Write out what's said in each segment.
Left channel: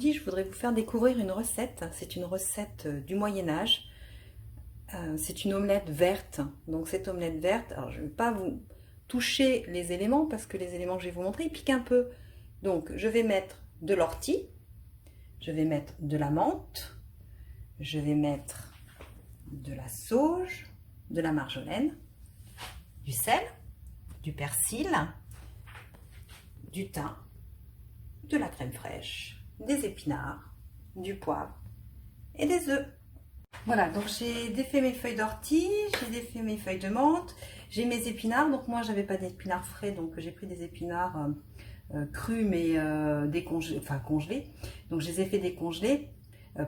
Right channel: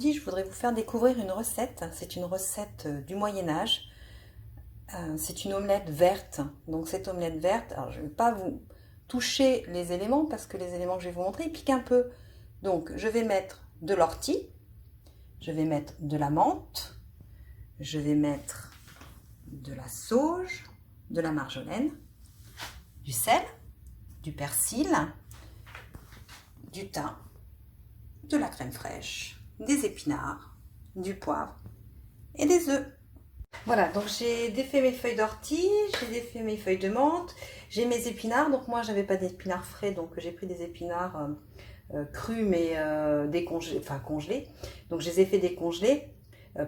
Je voudrais vous faire découvrir une recette. C'est une recette du Moyen-Âge. C'est une omelette verte. Donc cette omelette verte, alors je ne vais pas vous toucher les éléments parce que les éléments que je vais vous montrer, ils piquent un peu. Donc je vais mettre de l'ortie, je vais mettre de la menthe, je vais mettre de la sauge, de la marjolaine, du sel, du persil, du thym, de la crème fraîche, des épinards, du poivre et des œufs. Voilà, donc j'ai défait mes feuilles d'ortie, j'ai défait mes feuilles de menthe, j'ai mes épinards. Donc moi, j'avais pas d'épinards frais, donc j'ai pris des épinards crus mais décongelés, enfin congelés. Donc je les ai fait décongeler.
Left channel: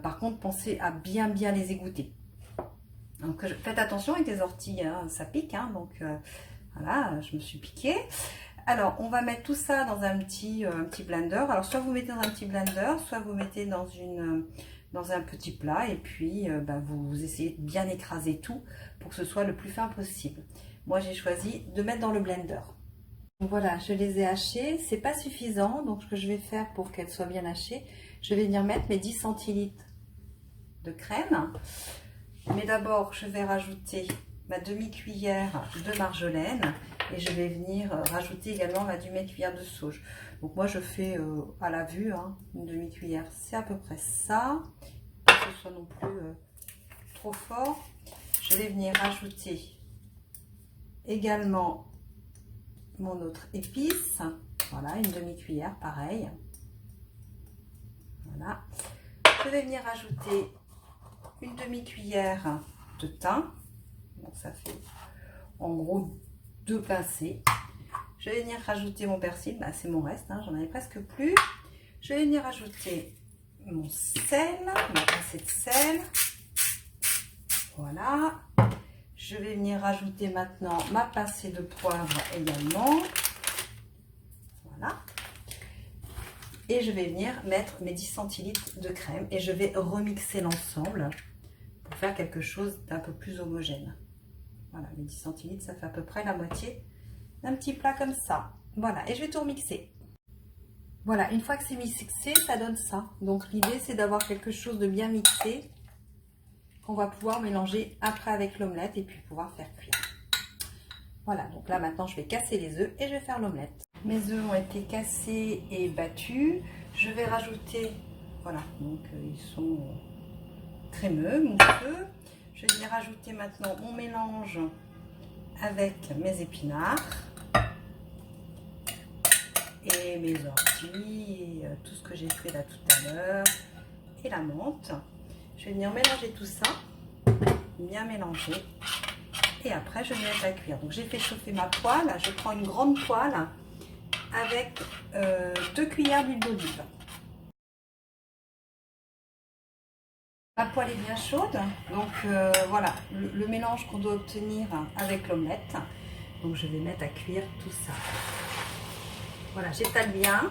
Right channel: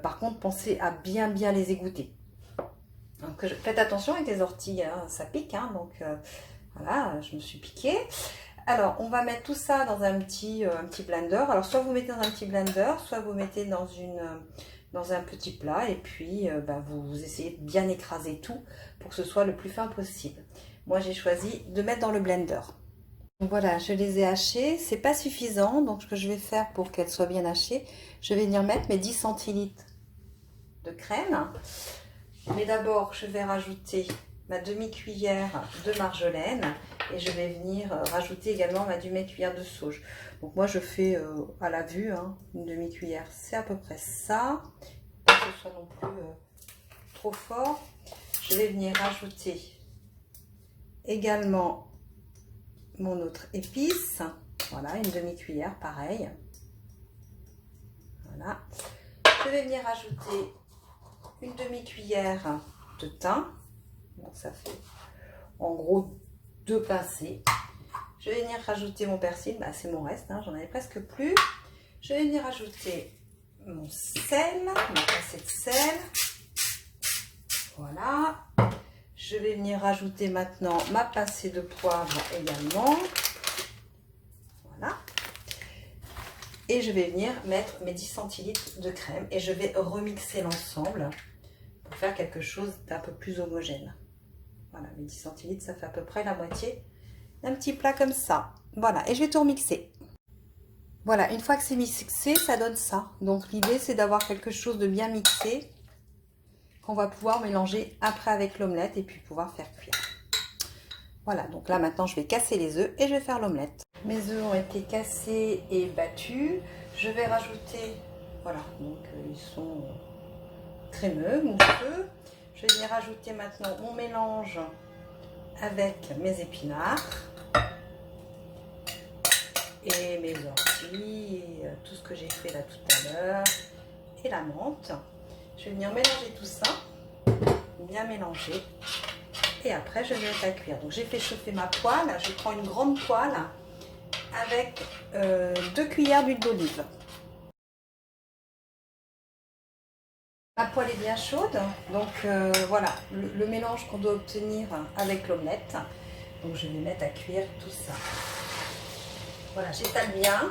Par contre, pensez à bien les égoutter. Donc faites attention avec les orties, hein, ça pique, hein, donc voilà, je me suis piquée. Alors, on va mettre tout ça dans un petit blender. Alors, soit vous mettez dans un petit blender, soit vous mettez dans un petit plat. Et puis, vous essayez de bien écraser tout pour que ce soit le plus fin possible. Moi, j'ai choisi de mettre dans le blender. Donc voilà, je les ai hachées. C'est pas suffisant. Donc, ce que je vais faire pour qu'elles soient bien hachées, je vais venir mettre mes 10 centilitres de crème. Mais d'abord, je vais rajouter ma demi-cuillère de marjolaine et je vais venir rajouter également ma demi-cuillère de sauge. Donc moi je fais à la vue, hein, une demi-cuillère, c'est à peu près ça, pas que ce soit non plus trop fort. Je vais venir rajouter également mon autre épice, voilà, une demi-cuillère pareil. Voilà. Je vais venir rajouter une demi-cuillère de thym, donc ça fait en gros 2 pincées. Je vais venir rajouter mon persil, c'est mon reste, hein, j'en avais presque plus. Je vais venir rajouter mon sel, ma pincée de sel. Voilà. Je vais venir rajouter maintenant ma pincée de poivre également. Voilà. Et je vais venir mettre mes 10 centilitres de crème et je vais remixer l'ensemble pour faire quelque chose d'un peu plus homogène. Voilà, mes 10 centilitres, ça fait à peu près la moitié d'un petit plat comme ça. Voilà, et je vais tout remixer. Voilà, une fois que c'est mixé, ça donne ça. Donc l'idée, c'est d'avoir quelque chose de bien mixé qu'on va pouvoir mélanger après avec l'omelette et puis pouvoir faire cuire. Voilà, donc là maintenant, je vais casser les œufs et je vais faire l'omelette. Mes œufs ont été cassés et battus. Je vais rajouter, voilà, donc ils sont crémeux, mousseux. Je vais venir rajouter maintenant mon mélange avec mes épinards et mes orties et tout ce que j'ai fait là tout à l'heure et la menthe. Je vais venir mélanger tout ça, bien mélanger et après je vais mettre à cuire. Donc j'ai fait chauffer ma poêle, je prends une grande poêle avec 2 cuillères d'huile d'olive. La poêle est bien chaude, donc voilà le mélange qu'on doit obtenir avec l'omelette. Donc je vais mettre à cuire tout ça. Voilà, j'étale bien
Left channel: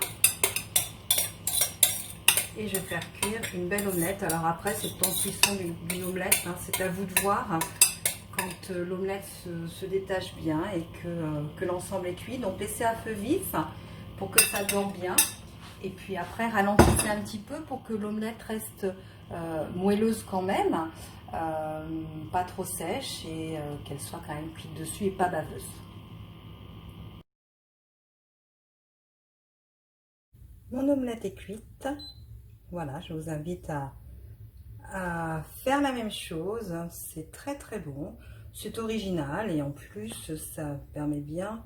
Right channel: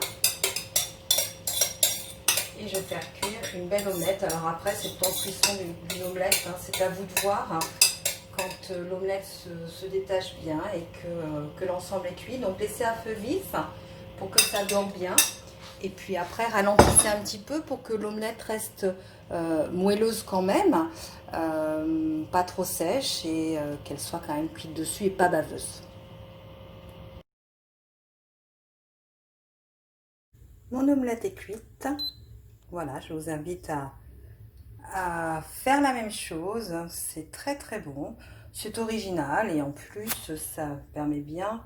et je vais faire cuire une belle omelette. Alors après, c'est le temps de cuisson d'une omelette, hein, c'est à vous de voir hein, quand l'omelette se détache bien et que l'ensemble est cuit. Donc laissez à feu vif pour que ça dore bien. Et puis après, ralentissez un petit peu pour que l'omelette reste moelleuse quand même, pas trop sèche et qu'elle soit quand même cuite dessus et pas baveuse. Mon omelette est cuite. Voilà, je vous invite à faire la même chose. C'est très bon. C'est original et en plus, ça permet bien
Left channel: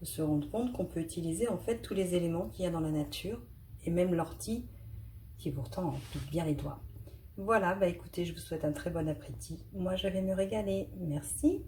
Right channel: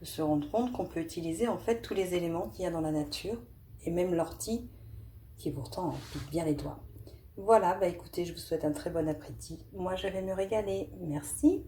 de se rendre compte qu'on peut utiliser en fait tous les éléments qu'il y a dans la nature et même l'ortie qui pourtant pique bien les doigts. Voilà, écoutez, je vous souhaite un très bon appétit. Moi, je vais me régaler. Merci.